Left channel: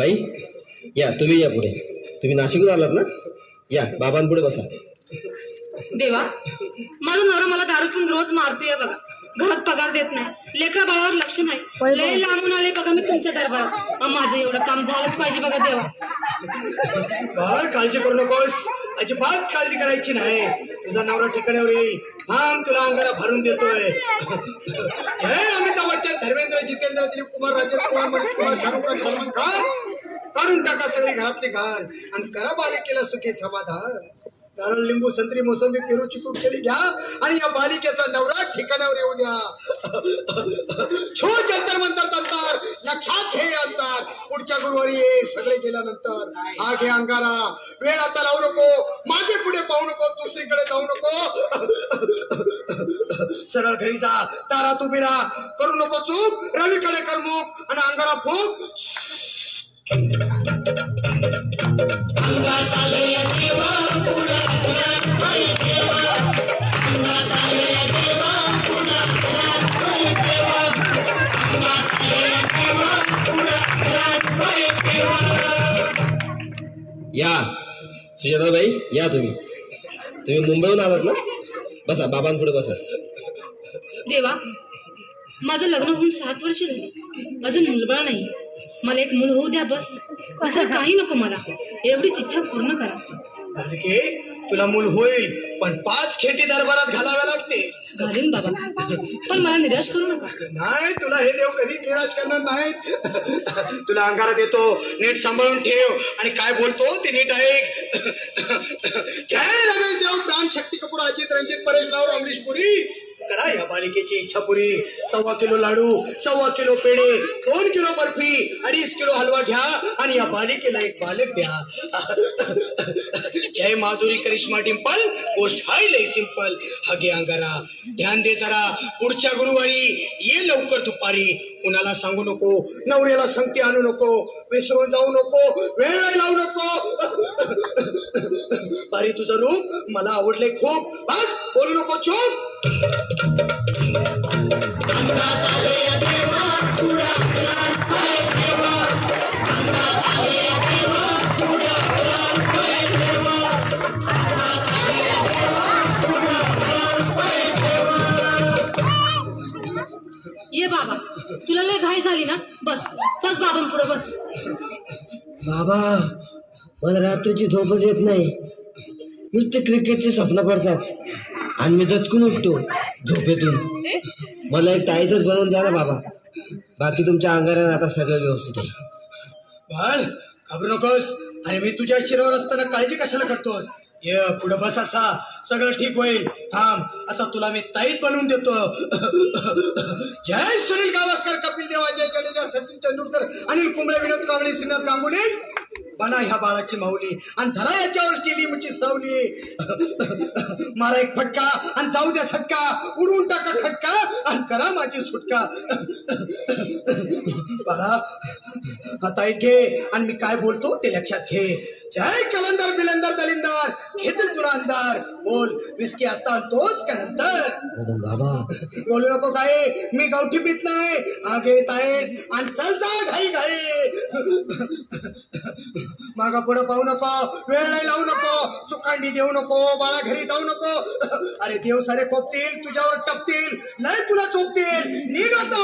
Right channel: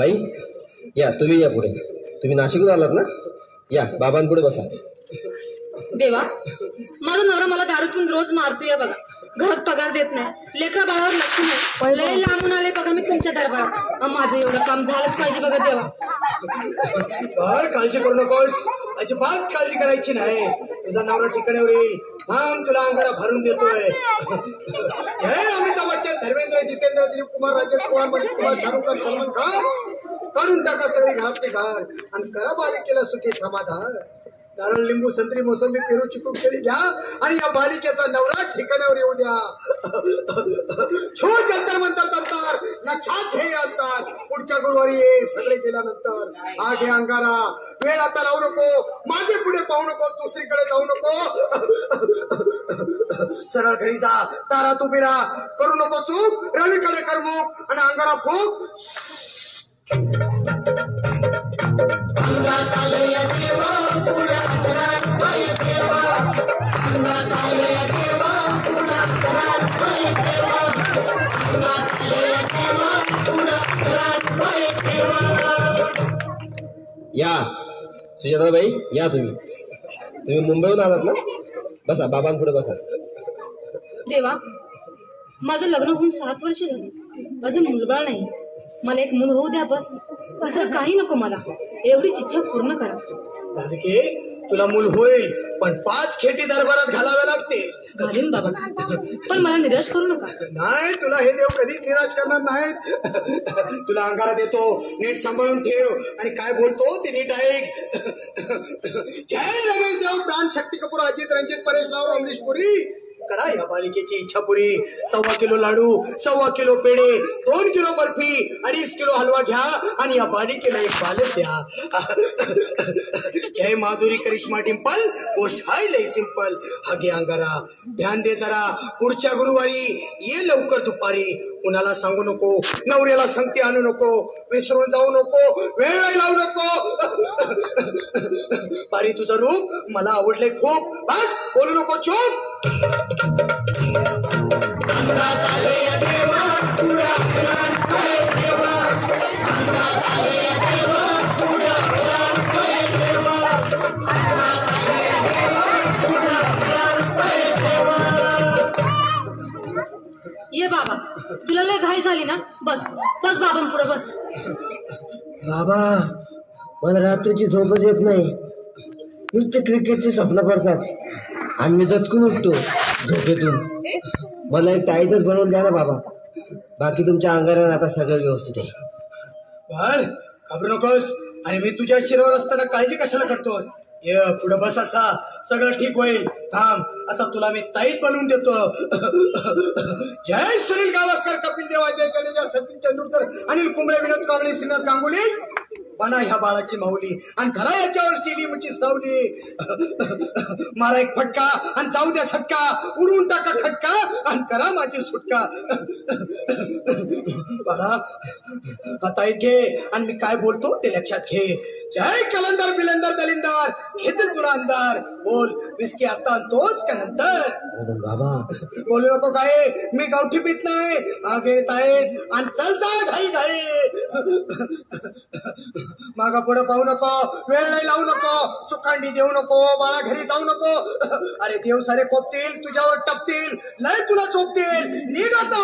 बाई या, तुम्ही या पुढे. तुम्ही नाशिकहून आलात ना? या बाबांपुढे बसा. देवा, माझा नवरा मला दारू पिऊन रोज मारतोय बघा. घरात पगार देत नाही, लेकरा बाळावर लक्ष नाही. लय लांबून आले बघा मी तुमच्या दरबारात. माझं एवढं काम झालंच पाहिजे बघा देवा. काळजी करू नकोस, अजिबात काळजी करायची नाही. तुझा नवरा ठिकाण्यावर येईल. थांब, तुला अंगाला भरून देतोय. जय अमिताभ बच्चन, धर्मेंद्र, जितेंद्र, दिलीप कुमार, राजेश कुमार, मनीष कुमार, शाहरुख खान, सलमान खान. काढून टाका सगळी घरातली घाण आणि करा बालिकेला सुखी समाधान. नारळ, लिंबू, संत्री, मोसंबी, पेरू, चिकू केली घ्या आणि या बालिकेचा नवरा ठिकाणावर येऊ द्या. छोट जंतर मंतर तंतर, लक्षात घे अंतर. पुढच्या गुरुवारी ये, सगळे गेल्यानंतर. आगे अंगारा, वेळ आता लावू नको, मागे पुढे पाहू नको, दुसरीकडे जाऊ नको. सरळ घरी जा, दारात उभी राहा, करू नको चूक, रवीकडे करमुक आणि अंगारा फूक. या सुजाताबाई, या तुम्ही मुंबईहून आलात ना? बसा, बाबांपुढे बसा. देवा, माझं लग्न होऊन 7 वर्ष झाली, माझं मुलबाळ नाही. मला एक मूल होऊ द्या बस, दुसरं काही नको मला. एवढीच इच्छा पूर्ण करा. बालके, तुला मूल होईल, पण 5 खेटी दरबारात घालाव्या लागतील. घालीन बाबा, पण मला निराश करू नका. नाही, तुला हे देव कधीच निराश करणार नाहीत. तुला अंगारा देतो, नीट सांभाळून ठेव आणि काय बोलतो ते नीट ऐक. जय रमेश देव, प्राण, शक्ती कपूर, अजित, रंजित, परेश राव, अमरीश पुरी. करा या बालिकेची इच्छा पुरी. 1.25 किलो लाडू, 1.25 किलो पेढे, 2 किलो बर्फी, 2.5 किलो हलवा घ्या आणि या बालिकेला एक बालक द्या. जय माधुरी, करिश्मा, डिंपल, गोष्ट हाय लय सिंपल. हागे अंगारा, ध्यान दे जरा. पुढच्या गुरुवारी ये लवकर दुपारी. कुणाला सांगू नको, नवऱ्याला संगती आणू नको, विसरून जाऊ नको, वेळ लावू नको. पारी, तुझं रूप मला आवडले खूप. बस, बोलू नको, चूप. ये बाबा, तुला लय घाई झाली ना? बस बस बाबांपुढे बस. बाबा, मला रात्रीची झोपच येत नाही. नुसते क्रिकेटचे स्वप्न पडतात आणि मी दचकून उठतो झोपेतून. मला एक ताईतच बनवून द्या ना बाबा. बाकी तुमच्या अंगारात आता सगळं व्यवस्थित आहे. बाळ, घाबरू नकोस. आणि मी तुझ्या शिरावर असताना काळजी कशाला करतोस? ये पुढे बस, असा सगळं ठीक होईल. थांब, आता तुला मी ताईत बनवून देतो. जय सुनील गावस्कर, कपिल देव, अजय जडेजा, सचिन तेंडुलकर, अनिल कुंबळे, विनोद कांबळे, श्रीनाथ गांगुली. बना ह्या बाळाची माऊली आणि धरा याच्यावर स्टेलियमची सावली. मारा एक फटका आणि जाऊ द्या सटका. उडवून टाका खटका आणि करा माझी सुटका. बाळा, आता इथे आणि मी काय बोलतो ते लक्षात घे. जय कलंदर, बिलंदर, दलिंदर, घेतील तुला अंधार. बोल, विस्की आता आणतोस का नंतर? बाबा, बोलू नको काय, मी गावठी पीत नाही. आगे येत आहेत आणि चल जा घाई घाई. मागा पुढे पाहू नको, वेळ नाही लावू नको, चुकांडी देऊ नको, बाळा घरी जाऊ नको. अरे देव सारे कोपतील, तुझ्यावर टपतील, लय तुला चोपतील. निघ आता.